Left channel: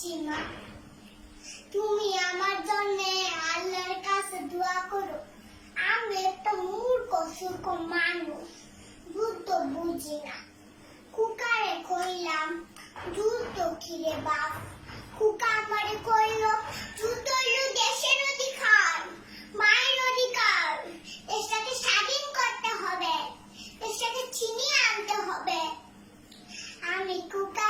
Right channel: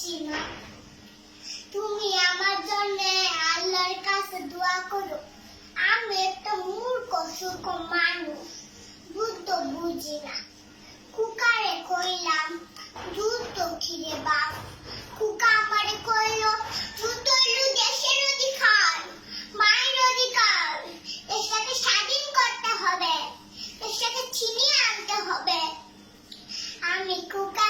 করছি মা তুমি আমার জন্য আল্লাহর কাছে দোয়া করো। আমি একটা মূর্খ সুখ মানুষ। যুদ্ধ বুঝি না কুকারে কইলাম দুধ তো খিরে বাপ কুকা আমারে কইল দুধ যুদ্ধ দেশের অধিকার, মায়ের অধিকার। সাথে স্বাধীন করতে হবে। এর সাথে ছিনিয়ে আনতে হবে। আমি কুকা